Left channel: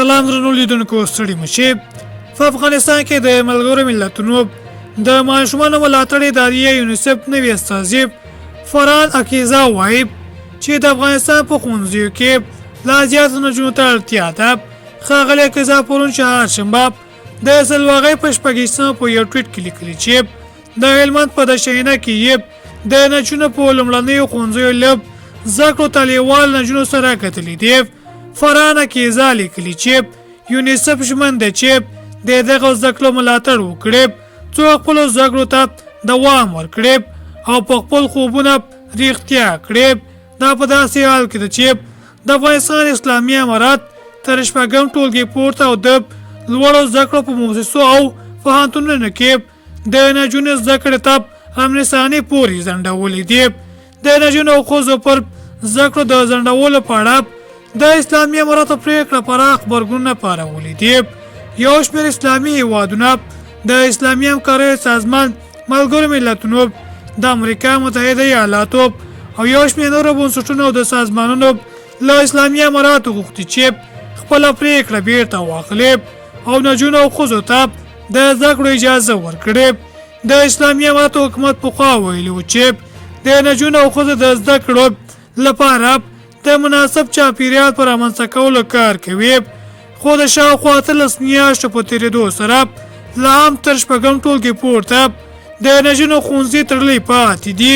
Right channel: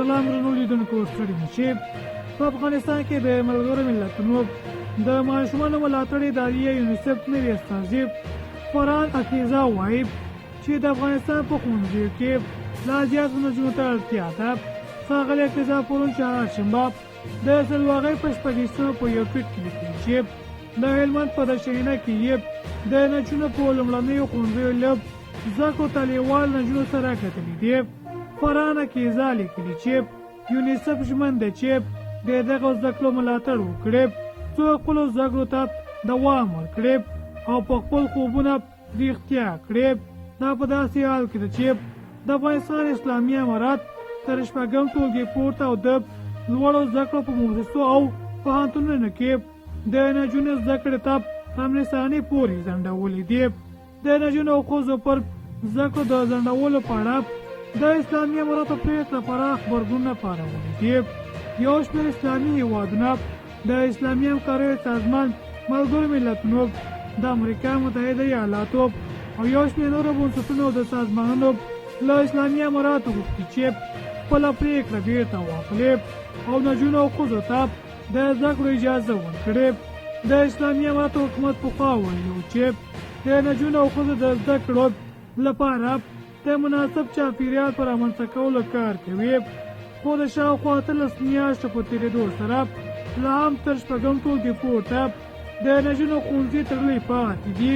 سلام درنو لیدونکو ستړي مشي په افغانستان کې د ملګرو ملتونو د ماشومانو ملاتړ ادارې یونیسف نوي استازي فرحان عقیزه وایي چې د افغانستان په ښوونځیو کې لا زیاتو نجونو ته اړتیا ده. ښاغلي عقیزه پرون چهارشنبه د سلواغۍ په شپږیشتمه په یو ټویټ کې لیکلي چې د هلمند په دشینه کې یې د نجونو په لومړنیو ښوونځیو له زده کړو طالبوال نجونو سره کتلي دي. فرحان عقیزه لیکلي چې یونیسف ژمن دی چې د دغه زده کړو ملاتړ وکړي څو خپلو زده کړو ته دوام ورکړي او په خپل خوبونه رښتیا کړي. دا په داسې حال کې ده چې د افغانستان اسلامي امارات تر شپږم ټولګي پورته او د لوړو زده کړو په مؤسسو او پوهنتونونو کې د نجونو زده کړې ته امنستاني پورې ځنډولې دي. د نجونو او ښځو پر زده کړو د ځنډولو په اړه د اسلامي اماراتو پریکړه پراخ غبرګونونه پارولي دي. یو شمېر اسلامي هیوادونه د اسلامي همکارۍ سازمان ملګرو ملتونو د امریکا متحده ایالاتو او یو شمېر نورو بنسټونو د سازمانونو له اسلامي اماراتو غوښتي چې خپله پریکړه بیرته واخلي او نجونو او ښځو ته د زده کړو اجازه ورکړي. د اسلامي اماراتو حکومت پخوا ویلي و چې د نجونو او ښځو د زده کړو لپاره د مناسب چاپیریال پر رامنځته کولو کار کوي، خو د شاوخوا 13 میاشتو په تېرېدو سره لا هم تر شپږم ټولګي پورته د نجونو ښوونځي تړلي پاتې دي.